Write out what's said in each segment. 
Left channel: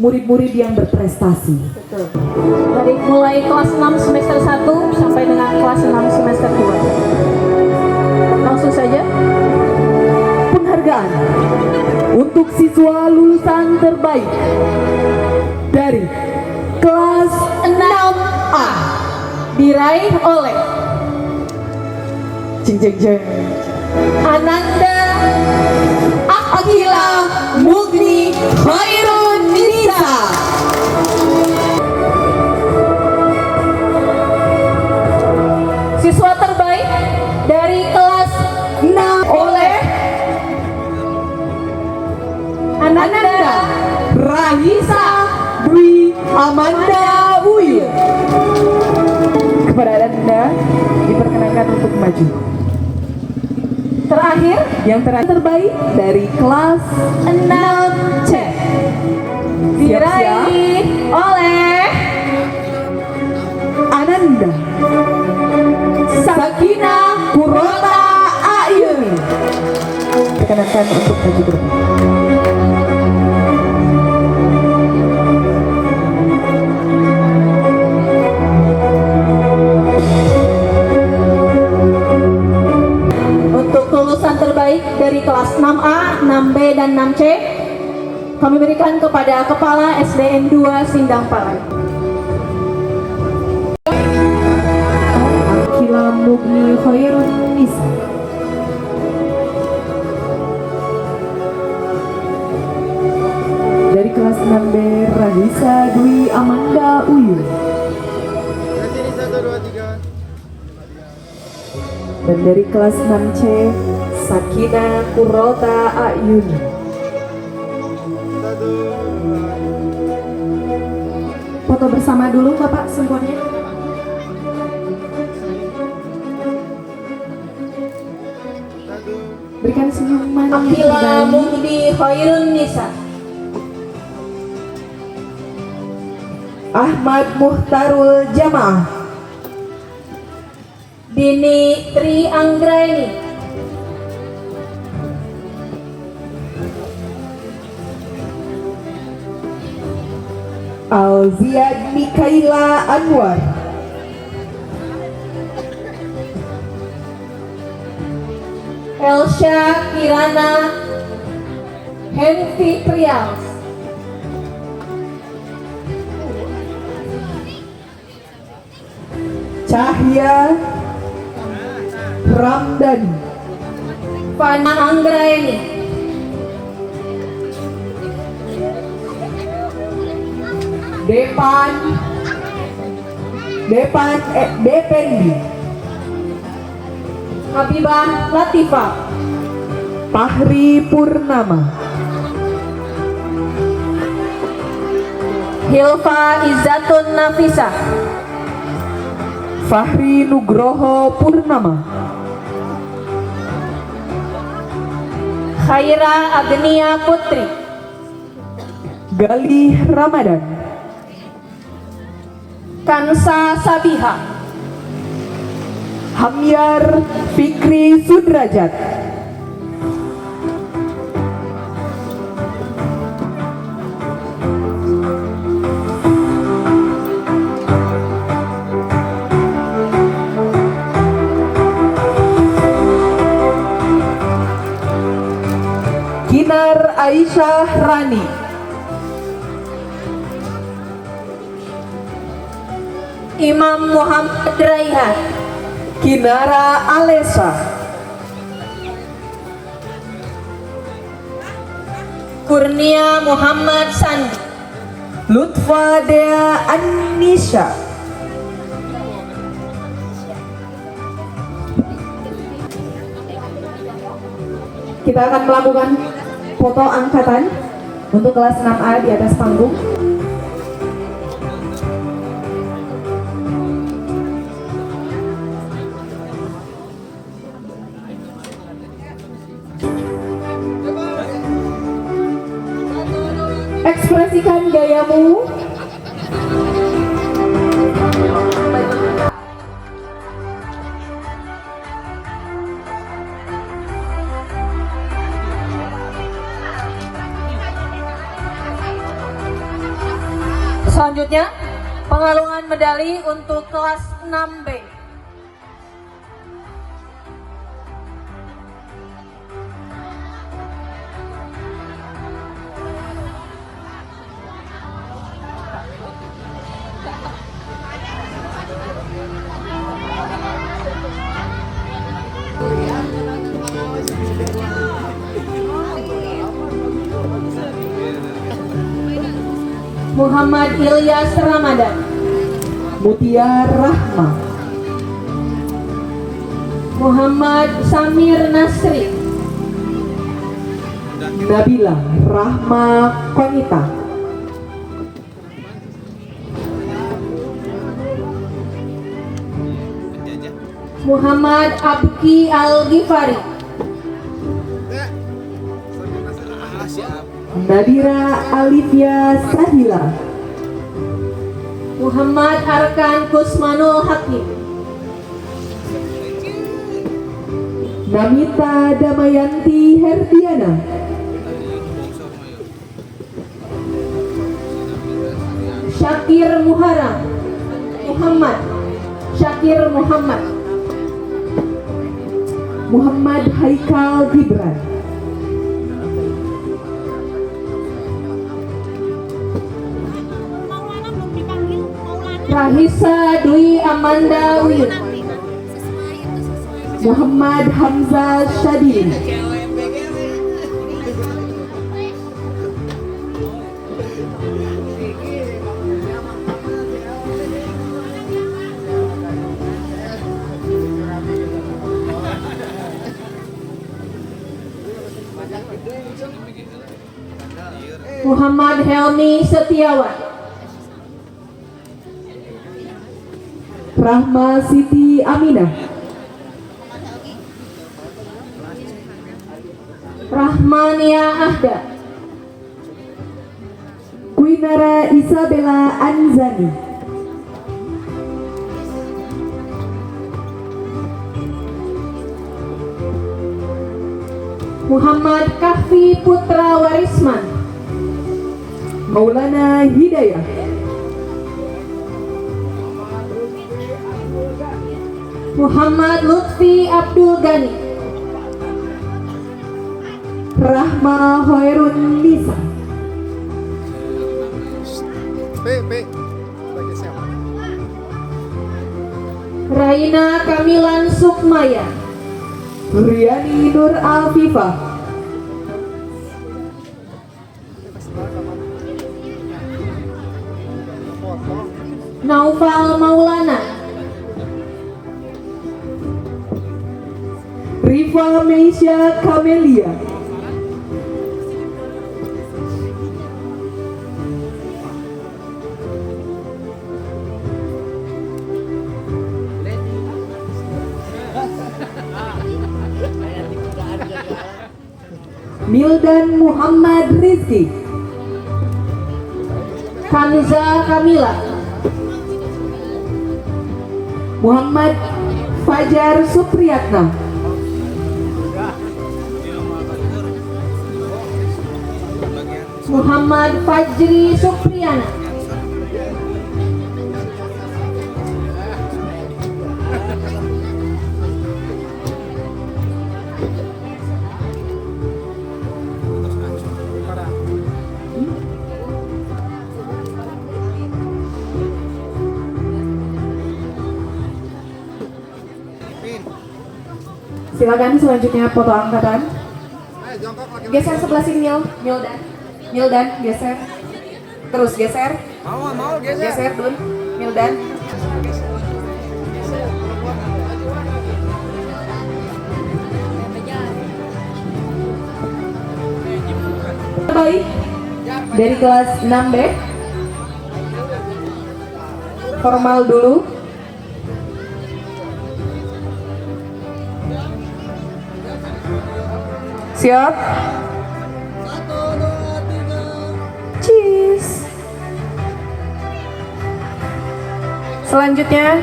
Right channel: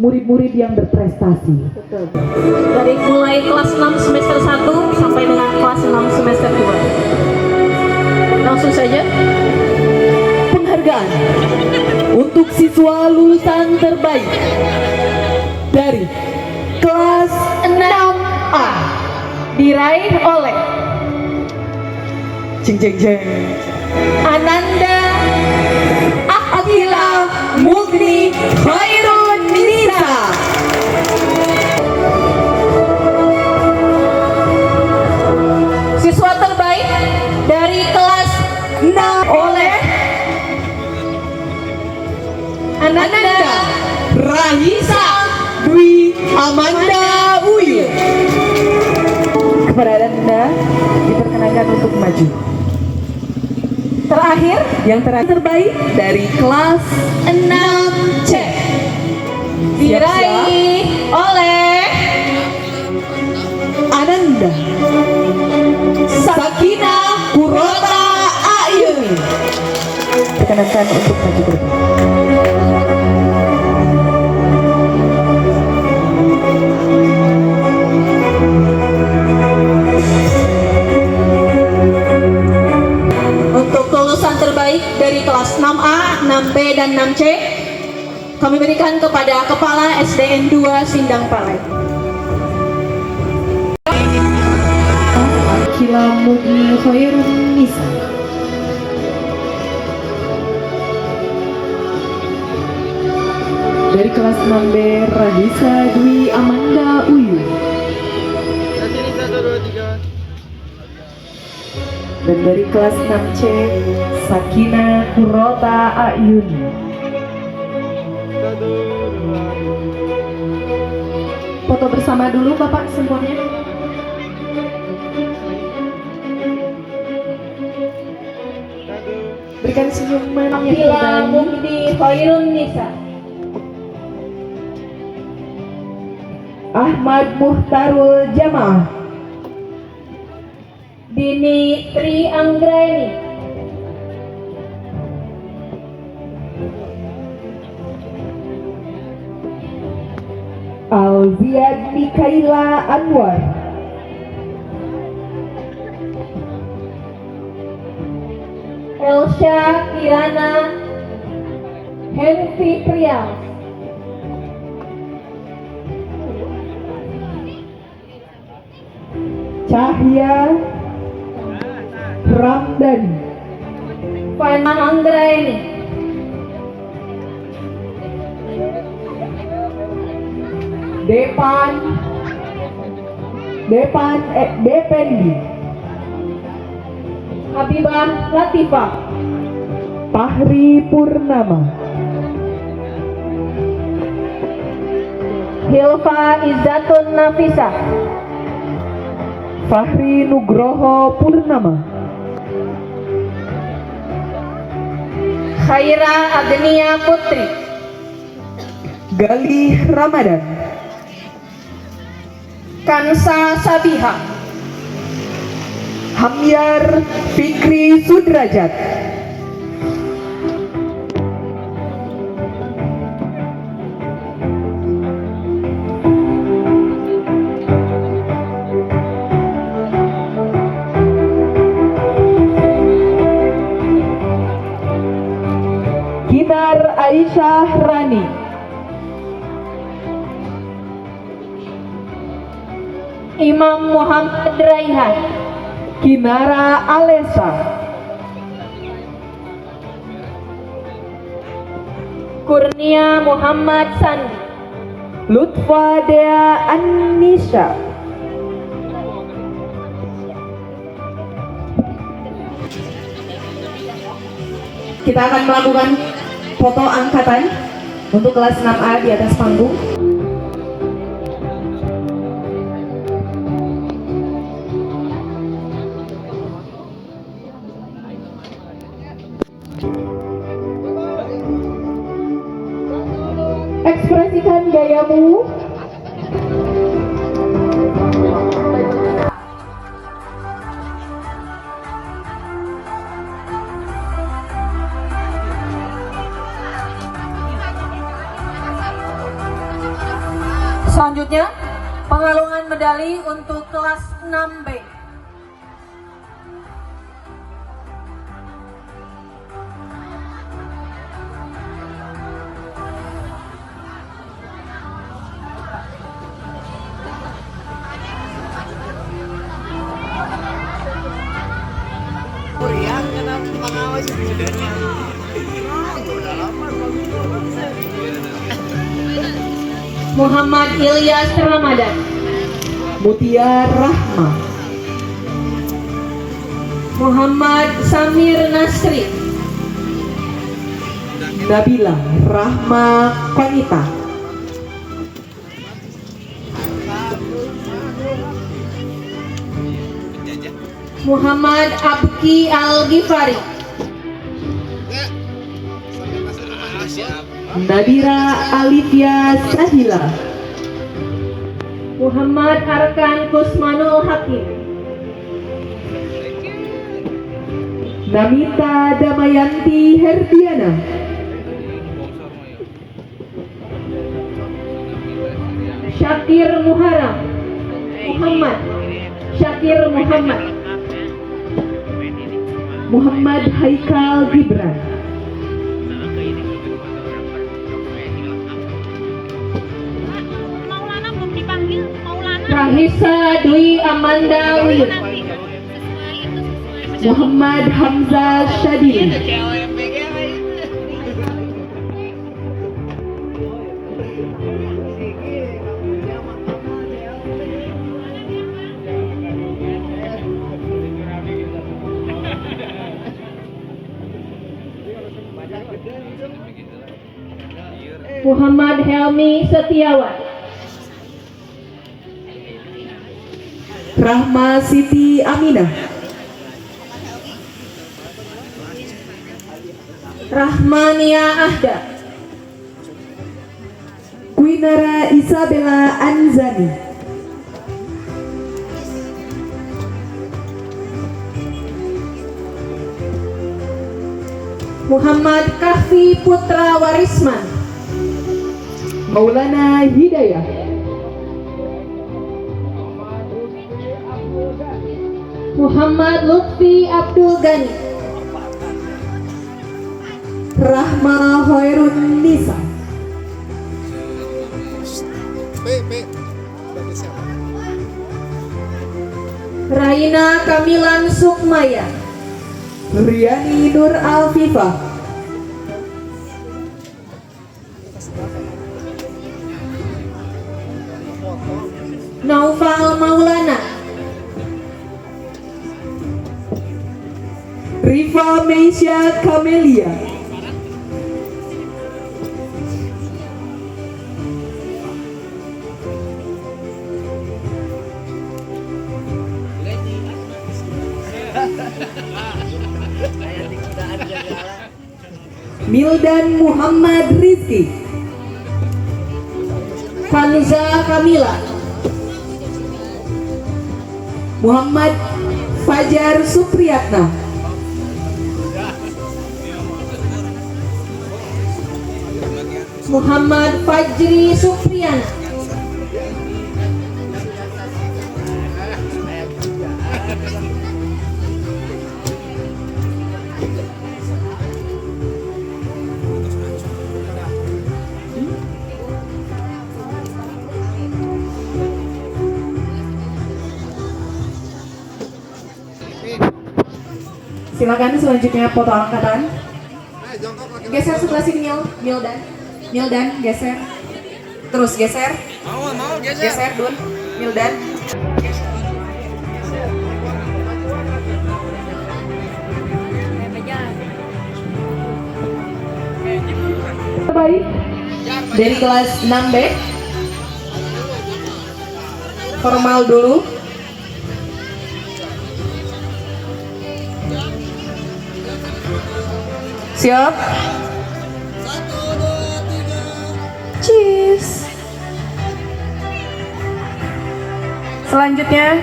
murid-murid yang berprestasi. Betul. Dari mulai kelas 6 semester 1 sampai dengan kelas 6 semester 2. Langsung saja. Penghargaan untuk siswa lulusan terbaik dari kelas 6A diraih oleh Ananda Akila Mugni Khairun Nisa. Siswa terbaik dari kelas 6 oleh Ananda Rahisa Dwi Amanda Uil. Kepada Anda diperkenankan untuk maju. Terakhir, yang terbaik dari kelas 6C diraih oleh Ananda Sakina Kurota Ayumi. Perkenankan untuk maju ke depan. Dari kelas 6A, 6B, dan 6C kami berikan kepada Kepala SDN 2 Sindang Palai. Akila Mugni Khairun Nisa. Dari kelas 6B Rahisa Dwi Amanda Uyu. Dan dari kelas 6C Sakina Kurota Ayuni. Foto bersama dulu Bapak semuanya. Berikan senyuman yang Akila terbaik. Mugni Khairun Nisa. Ahmad Muhtarul Jamaah. Dini Tri Anggraini. Alziad Mikaila Anwar. Elsha Kirana Henvi Prials. Cahya Ramdhani. Fana Anggraini. Dependi. Habibah Latifah. Fahri Purnama. Hilfa Izzatun Nafisah. Fahri Nugroho Purnama. Khaira Agnia Putri. Galih Ramadan. Kansa Sabiha. Hamyar Fikri Sudrajat. Kinar Aisyah Rani. Imam Muhammad Raihan. Kinara Alesa. Kurnia Muhammad Sandi. Lutfa Dea Anisha. Kita akan melakukan foto angkatan untuk kelas 6A di atas panggung. Ekspresikan gayamu. Selanjutnya, pengalungan medali untuk kelas 6B. Muhammad Ilyas Ramadan, Mutia Rahma, Muhammad Samir Nasri, Nabila Rahma Konita, Muhammad Abki Al-Ghifari, Nadira Alivia Sahila, Muhammad Arkan Kusmanul Hakim, Namita Damayanti Herdiana, Syakir Muharram, Muhammad Syakir Muhammad, Muhammad Haikal Gibran, Maulana belum dipanggil. Maulana Rahisa Dwi Amanda Uyun, Muhammad Hamzah Syadili, Muhammad Helmi Setiawan, Rahma Siti Aminah, Rahmania Ahda, Kuinara Isabella Anzani, Muhammad Kahfi Putra Warisman, Maulana Hidayah, Muhammad Lutfi Abdul Ghani, Rahma Hoirun Nisa, Raina Kamilan Sukmaya, Riani Nur Alfifah, Naufal Maulana, Rifa Meisya Kamelia, Mildan Muhammad Rizki, Kanza Kamila, Muhammad Fajar Supriyatna, Muhammad Fajri Supriyana, silakan selanjutnya foto angkatan. Geser sebelah sini Mildan geser. Terus geser. Geser Dun, Mildan. Baik. Dari kelas 6B. Formal dulu. Siap? Cheers. Selanjutnya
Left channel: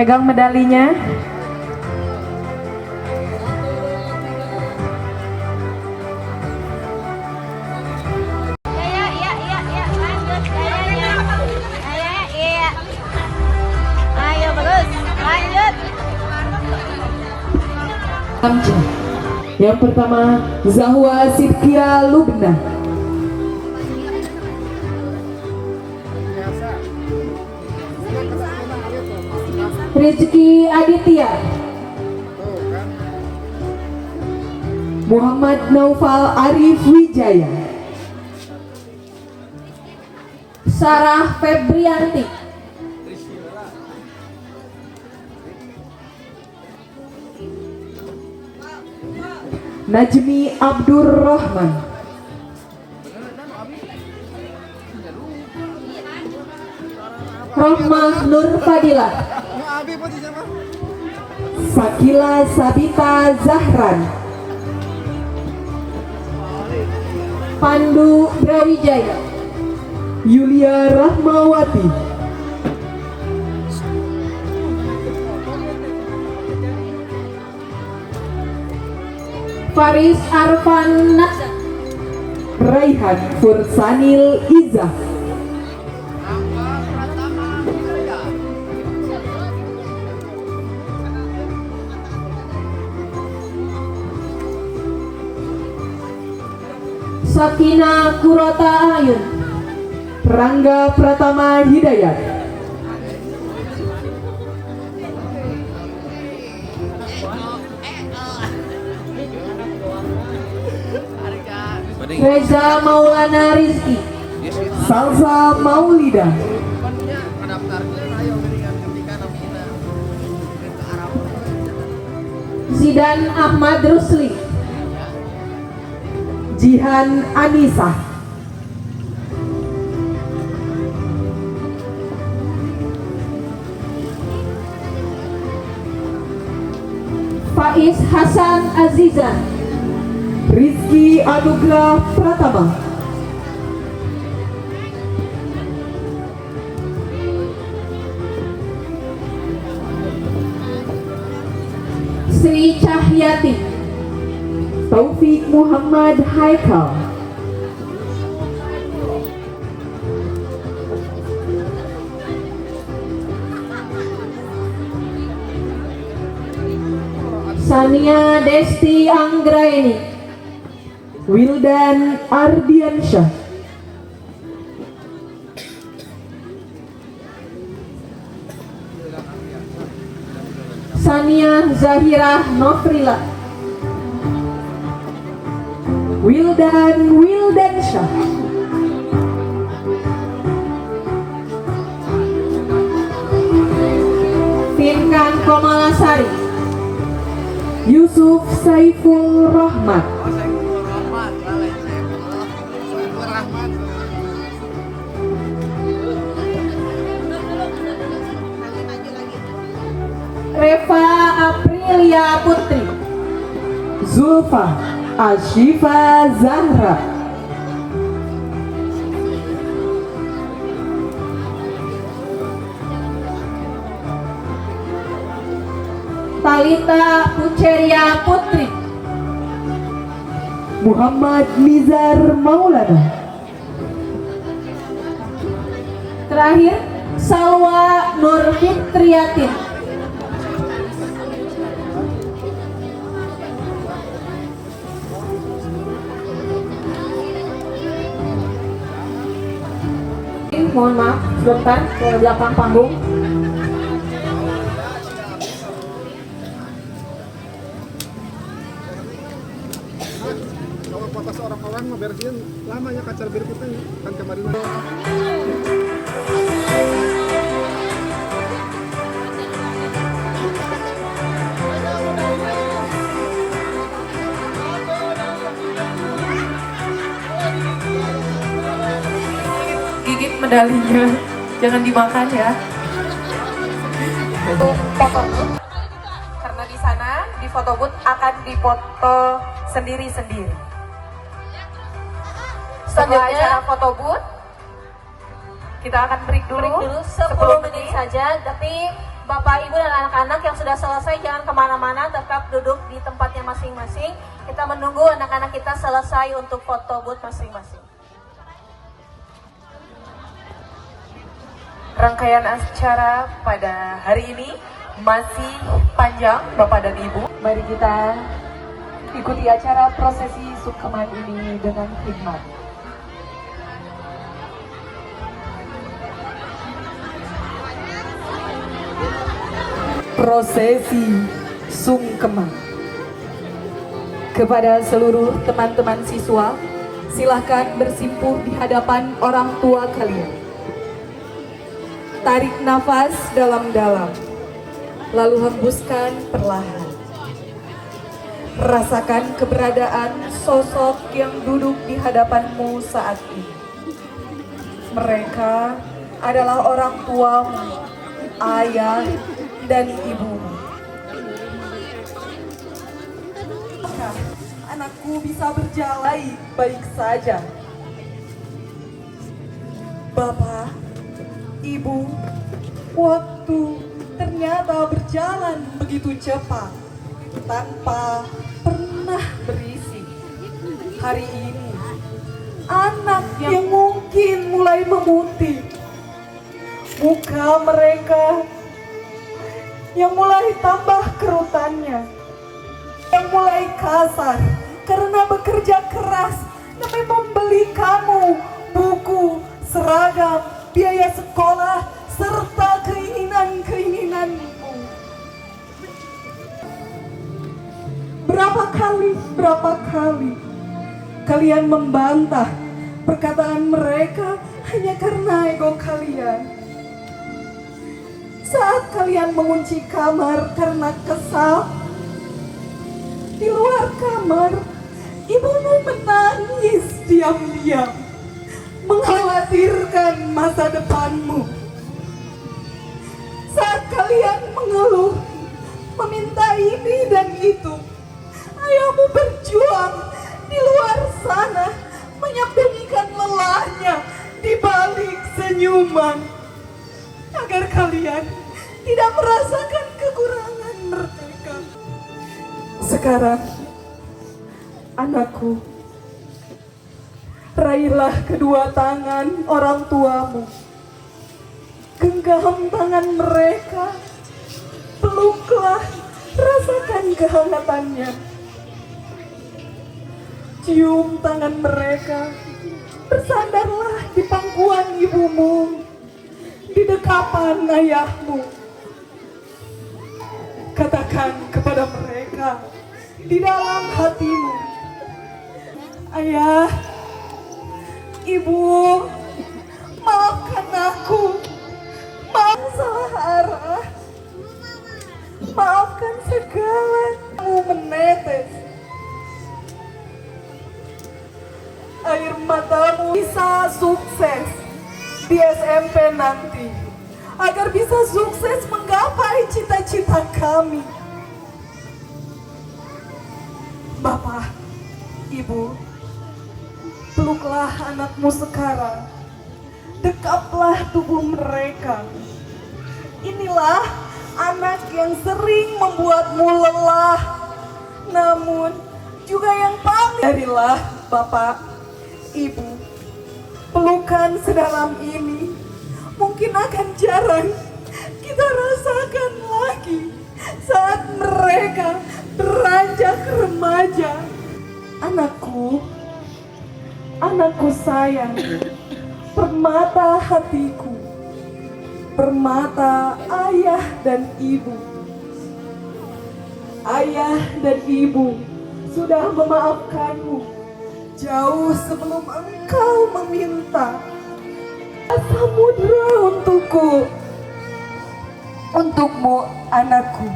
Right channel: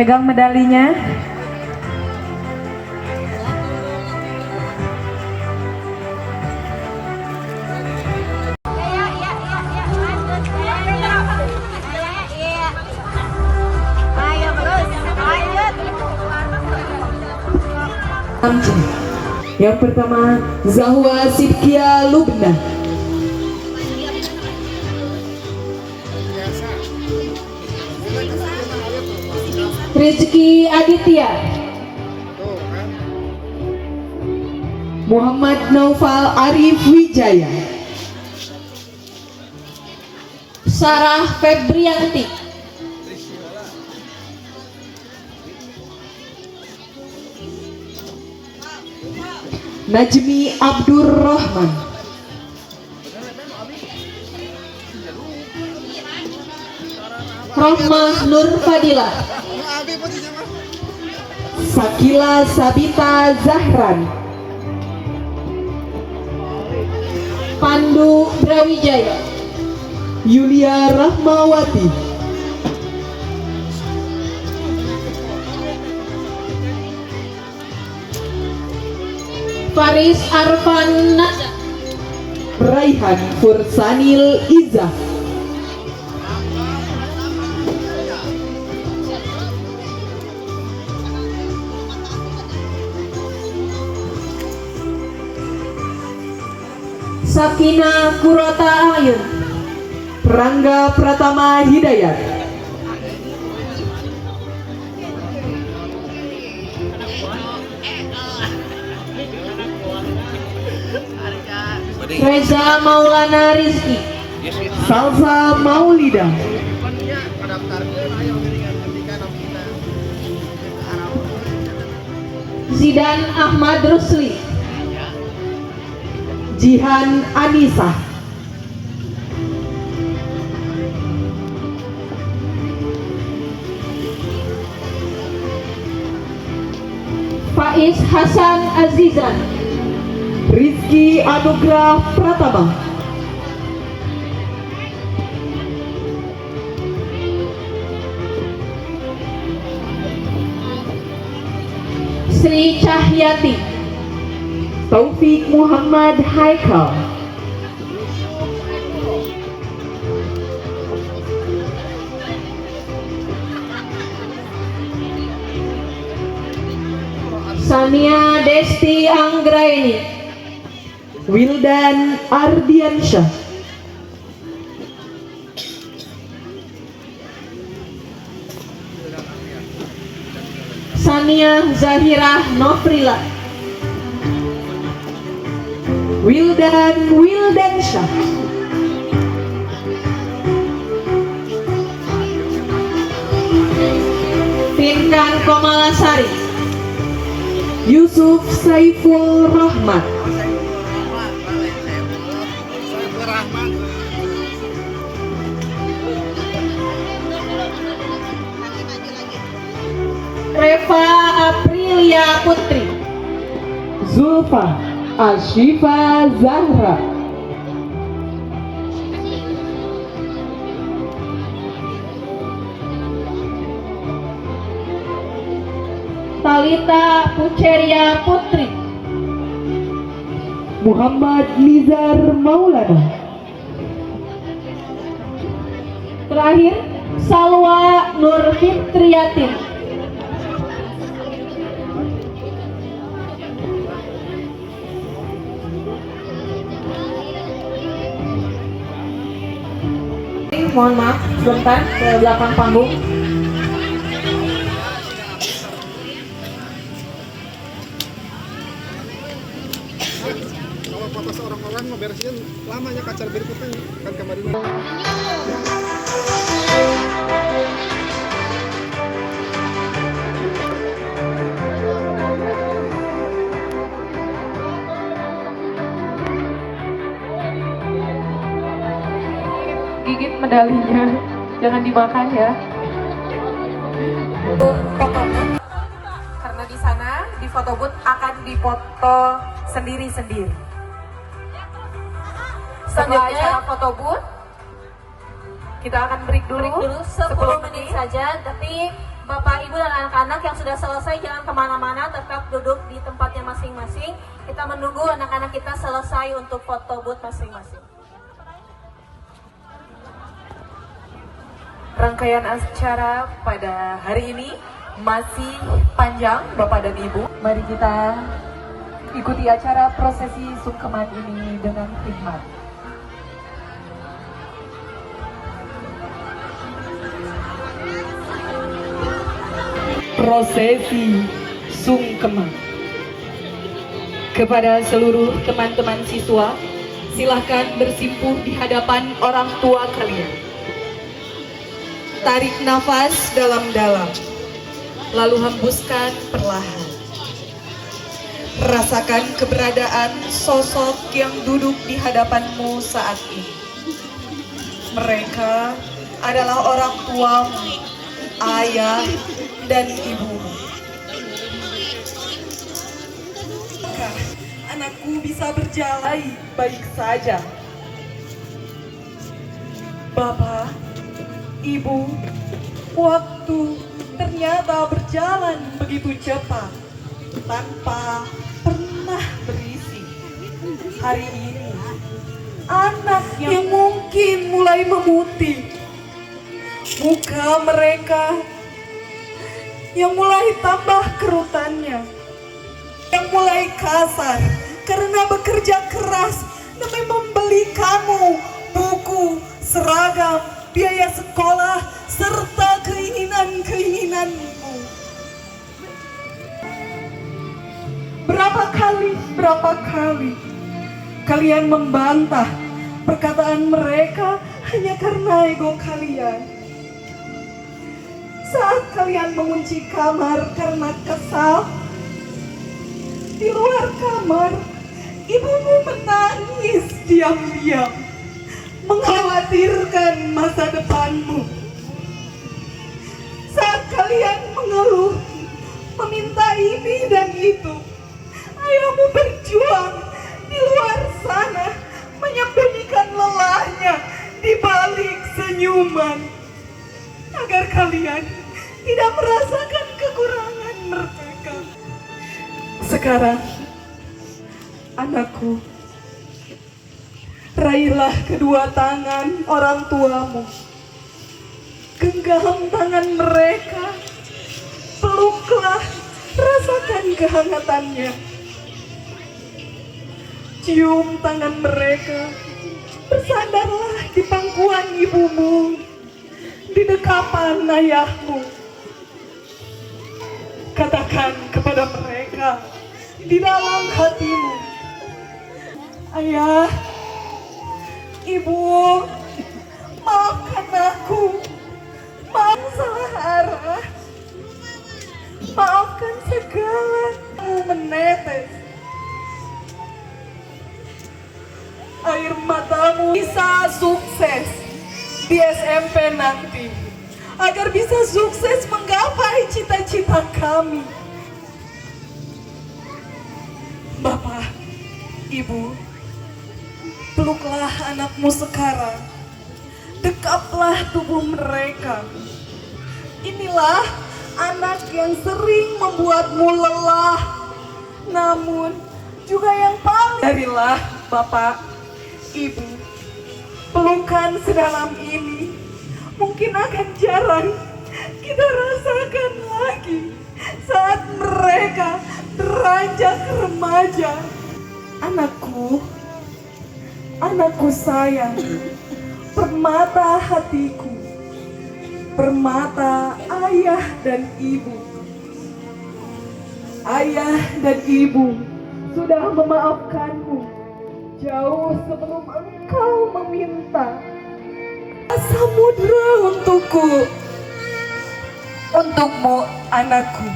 pegang medalinya. Amca. Yang pertama Zahwa Sidkia Lubna. Rizky Aditya, Muhammad Naufal Arif Wijaya. Sarah Febrianti, Najmi Abdur Rahman. Rohmah Nur Fadila, Sakila Sabita Zahran. Pandu Brawijaya, Yulia Rahmawati. Faris Arfan Nazar, Raihan Fursanil Izzah. Sakina Kurota Ayun, Rangga Pratama Hidayat. Reza Maulana Rizky, Salsa Maulida. Zidan Ahmad Rusli, Jihan Anissa. Faiz Hasan Azizan, Rizky Anugrah Pratama. Sri Cahyati, Taufik Muhammad Haikal. Sania Desti Anggraini, Wildan Ardiansyah. Sania Zahira Nofrila, Wildansyah. Finkan Komalasari, Yusuf Saiful Rahmat. Reva Aprilia Putri, Zulfa Ashifa Zahra. Talita Puceria Putri, Muhammad Nizar Maulana. terakhir Salwa Nur Fitriatin. Mohon maaf sebentar ke belakang panggung. Orang-orang ngeberesin lamanya kacar berikutnya kan kemarin. Gigit medalinya, jangan dimakan ya. Karena di sana di foto booth akan dipoto sendiri-sendiri. Setelah acara foto booth, kita akan break dulu 10 menit saja, tapi Bapak, Ibu, dan anak-anak yang sudah selesai jangan kemana-mana, tetap duduk di tempatnya masing-masing. Kita menunggu anak-anak kita selesai untuk foto booth masing-masing. Rangkaian acara pada hari ini masih panjang Bapak dan Ibu. Mari kita ikuti acara prosesi sungkeman ini dengan hikmat. Prosesi sungkeman. Kepada seluruh teman-teman siswa, silahkan bersimpuh di hadapan orang tua kalian. Tarik nafas dalam-dalam, lalu hembuskan perlahan. Rasakan keberadaan sosok yang duduk di hadapanmu saat ini. Mereka adalah orang tuamu, ayah, dan ibumu. Apakah anakku bisa berjalan baik saja? Bapak, Ibu, waktu ternyata berjalan begitu cepat, tanpa pernah berisi. Hari ini, anak yang mungkin mulai memutih, muka mereka yang mulai tambah kerutannya, yang mulai kasar karena bekerja keras demi membeli kamu buku, seragam, biaya sekolah, serta keinginan-keinginanmu. Berapa kali kalian membantah perkataan mereka hanya karena ego kalian. Saat kalian mengunci kamar karena kesal, di luar kamar, ibumu menangis diam-diam, mengkhawatirkan masa depanmu. Saat kalian mengeluh, meminta ini dan itu, ayahmu berjuang di luar sana, menyembunyikan lelahnya di balik senyuman, agar kalian tidak merasakan kekurangan mereka. Sekarang, anakku, raihlah kedua tangan orang tuamu, genggam tangan mereka, peluklah, rasakan kehangatannya. Cium tangan mereka, bersandarlah di pangkuan ibumu, di dekapan ayahmu. Katakan kepada mereka di dalam hatimu, ayah, ibu, maafkan aku, maafkan salah arah, maafkan segala kamu menetes. Air matamu bisa sukses di SMP nanti, agar bisa sukses menggapai cita-cita kami. Bapak, Ibu, peluklah anakmu sekarang, dekaplah tubuh mereka. Inilah anak yang sering membuatmu lelah, namun juga yang paling. Darilah Bapak, Ibu, pelukan sedalam ini mungkin akan jarang kita rasakan lagi saat mereka beranjak remaja. Anakku, anakku sayang, permata hatiku, permata ayah dan ibu. Ayah dan ibu sudah memaafkanmu jauh sebelum engkau meminta. Samudra untukku, untukmu anakku.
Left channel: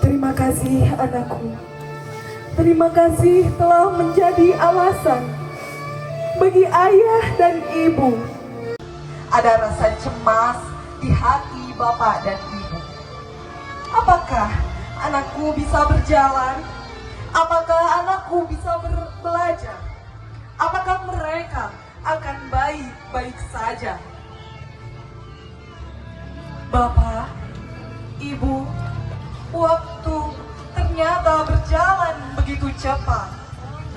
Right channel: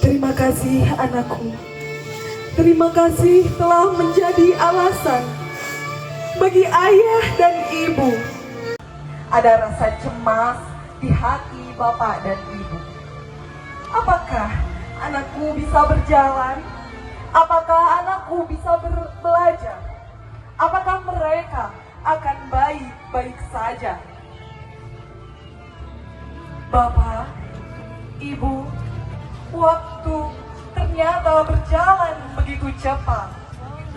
Terima kasih anakku. Terima kasih telah menjadi alasan bagi ayah dan ibu. Ada rasa cemas di hati bapak dan ibu. Apakah anakku bisa berjalan? Apakah anakku bisa belajar? Apakah mereka akan baik-baik saja? Bapak, Ibu, waktu ternyata berjalan begitu cepat,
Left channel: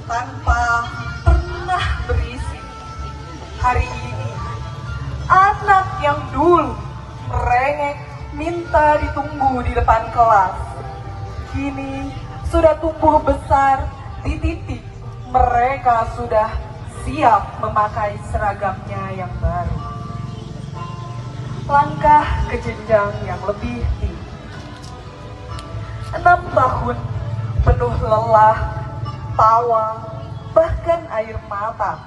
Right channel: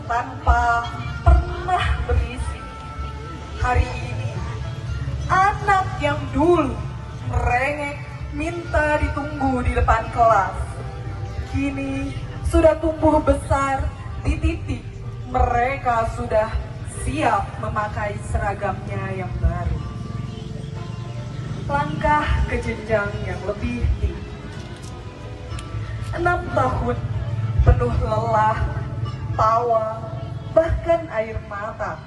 tanpa pernah berisi. Hari ini, anak yang dulu depan kelas. Kini sudah tumbuh besar di titik mereka sudah siap memakai seragamnya yang baru. Langkah ke jenjang yang lebih tinggi. 6 tahun penuh lelah, tawa, bahkan air mata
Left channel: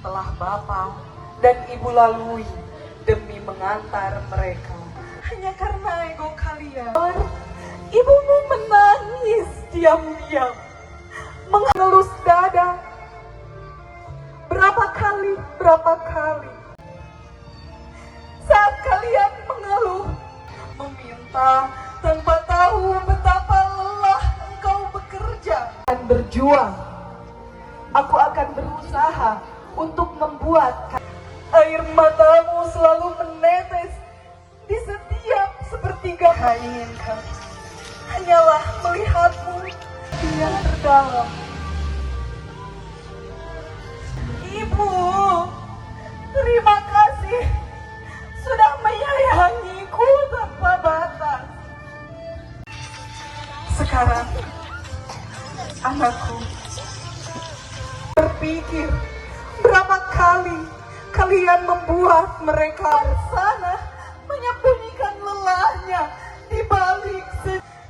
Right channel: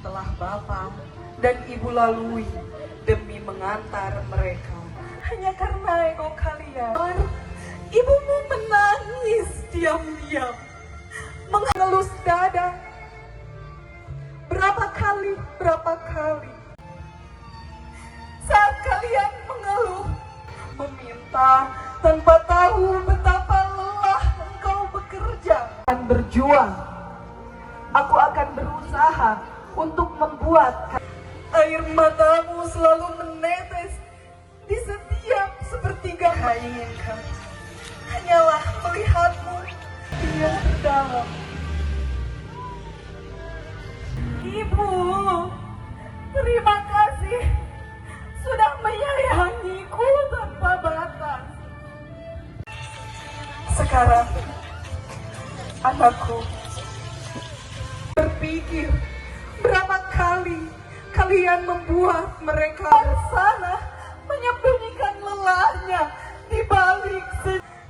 telah Bapak dan Ibu lalui demi mengantar mereka. Hanya karena ego kalian, ibumu menangis diam-diam, mengelus dada. Berapa kali saat kalian mengeluh, meminta tanpa tahu betapa lelah engkau bekerja dan berjuang. Aku akan berusaha untuk membuat air matamu selalu menetes di setiap sepertiga inginkan. Hanyalah melihatmu yang terdalam. Ibu, terima kasih sudah menyayangiku tanpa batas. Sekarang, anakku, berpikir berapa kali kalian membuat mereka sana menyembunyikan lelahnya di balik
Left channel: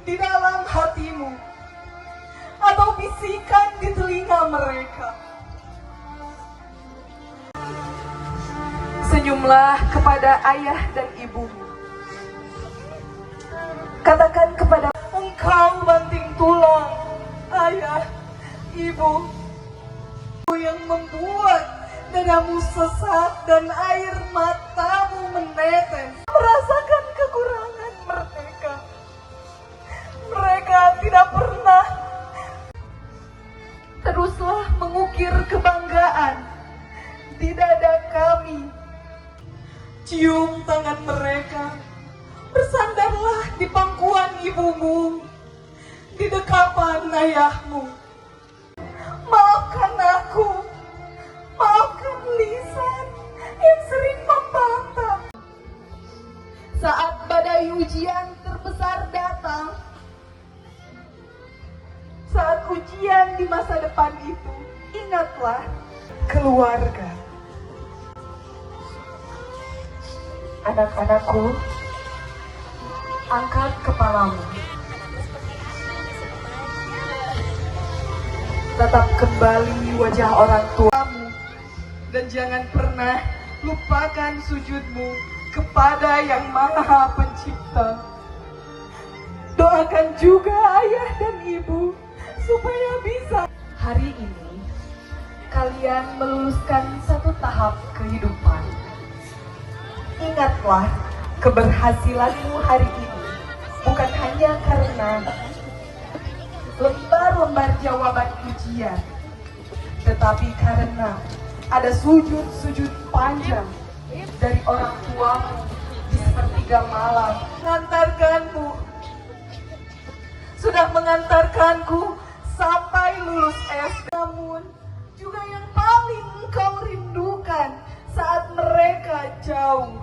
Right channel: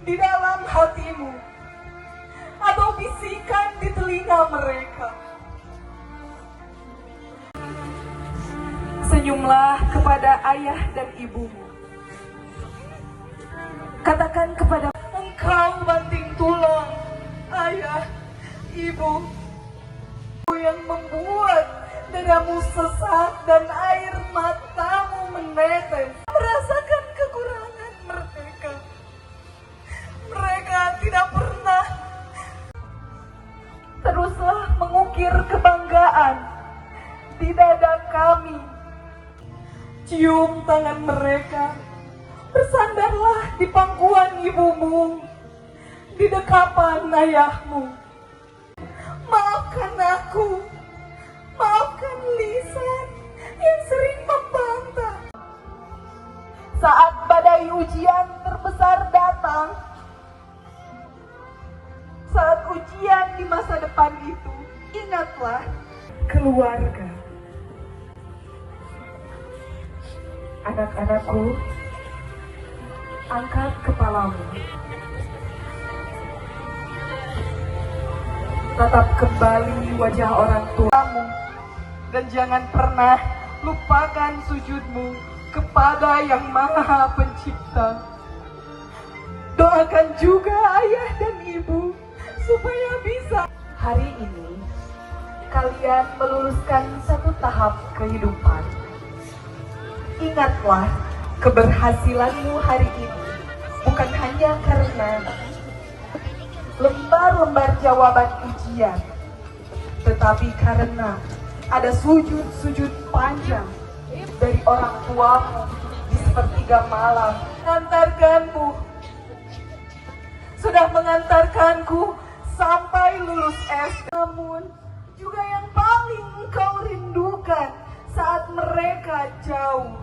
di dalam hatimu atau bisikan di telinga mereka. Senyumlah kepada ayah dan ibumu. Katakan kepada engkau banting tulang, ayah, ibu, yang membuat dadamu sesak dan air matamu menetes. Merasakan kekurangan mereka. Mereka tidak pernah. Teruslah mengukir kebanggaan di dada kami. Cium tangan mereka, bersandarlah di pangkuan ibumu, di dekapan ayahmu. Maafkan aku, maafkan Lisan yang sering membantah. Saat badai ujian terbesar datang, saat ujian di masa depan itu, ingatlah keluarga. Anak-anakku, angkat kepalamu. Tatap kembali wajah orang tuamu. Dan jangan pernah lupakan sujudmu kepada Yang Maha Pencipta. Doakan juga ayah dan ibu supaya bisa. Hari ini, kalian meluluskan satu tahap kehidupan. Ingatlah, keberhasilanmu hari ini bukan hanya karena lembar-lembar jawaban ujian, tetapi karena ada sujud-sujud panjang dari orang tuamu di sepertiga malam. Mengantarkanmu, sudah mengantarkanku sampai lulus S. Namun juga yang paling engkau rindukan saat mereka jauh.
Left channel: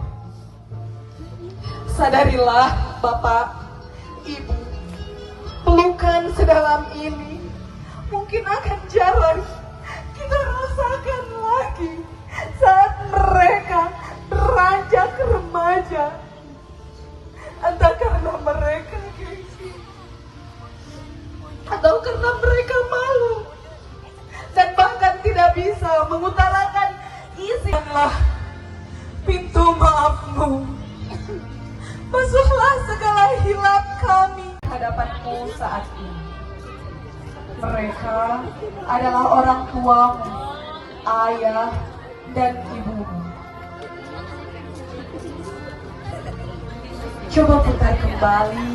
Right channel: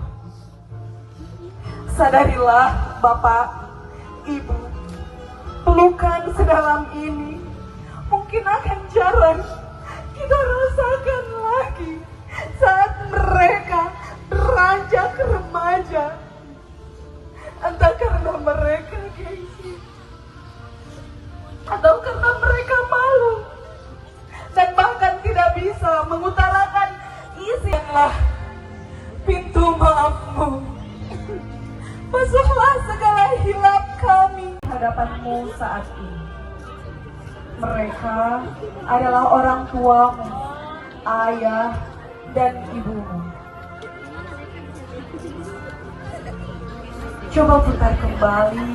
Sadarilah Bapak, Ibu, pelukan sedalam ini mungkin akan jarang kita rasakan lagi saat mereka beranjak remaja. Entah karena mereka gengsi atau karena mereka malu dan bahkan tidak bisa mengutarakan isi. Pintu maafmu, masuklah segala hilap kami hadapanmu saat ini. Mereka adalah orang tuamu, ayah dan ibumu. Coba putar kembali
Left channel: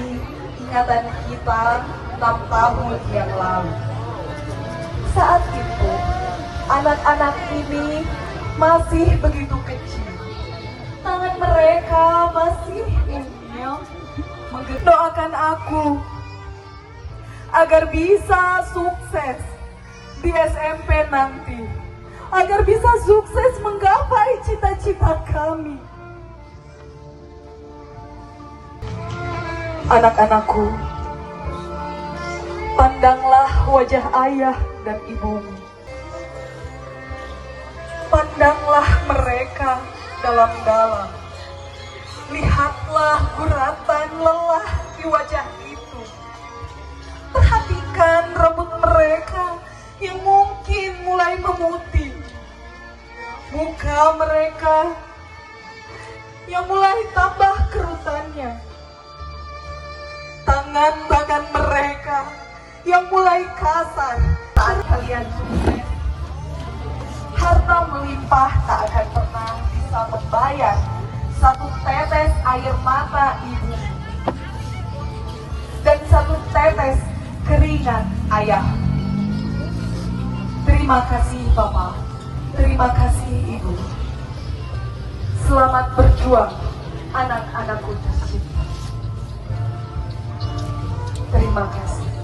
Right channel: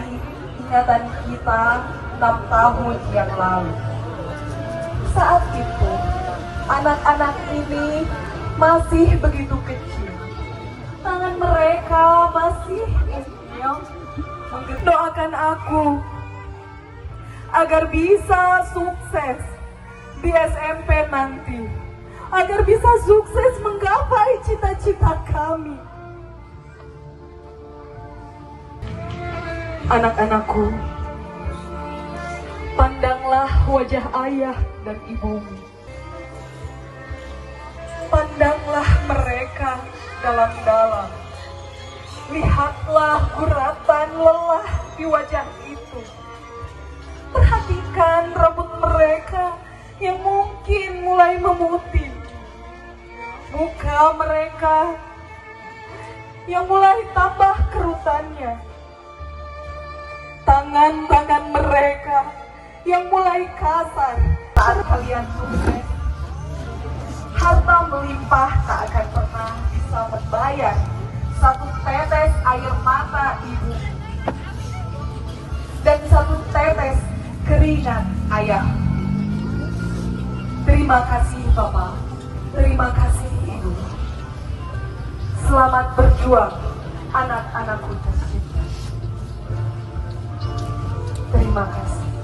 ingatan kita 6 tahun yang lalu. Saat itu, anak-anak ini masih begitu kecil. Tangan mereka masih inyong. Doakan aku agar bisa sukses di SMP nanti, agar bisa sukses menggapai cita-cita kami. Anak-anakku, pandanglah wajah ayah dan ibumu. Pandanglah mereka dalam-dalam. Lihatlah guratan lelah di wajah itu. Perhatikan rambut mereka yang mungkin mulai memutih. Muka mereka yang mulai tambah kerutannya. Tangan mereka yang mulai kasar saat kalian sukses. Harta melimpah tak akan pernah bisa membayar satu tetes air mata ibu dan satu tetes keringat ayah. Terima kasih Bapak, terima kasih Ibu. Selamat berjuang anak-anakku tercinta. Terima kasih.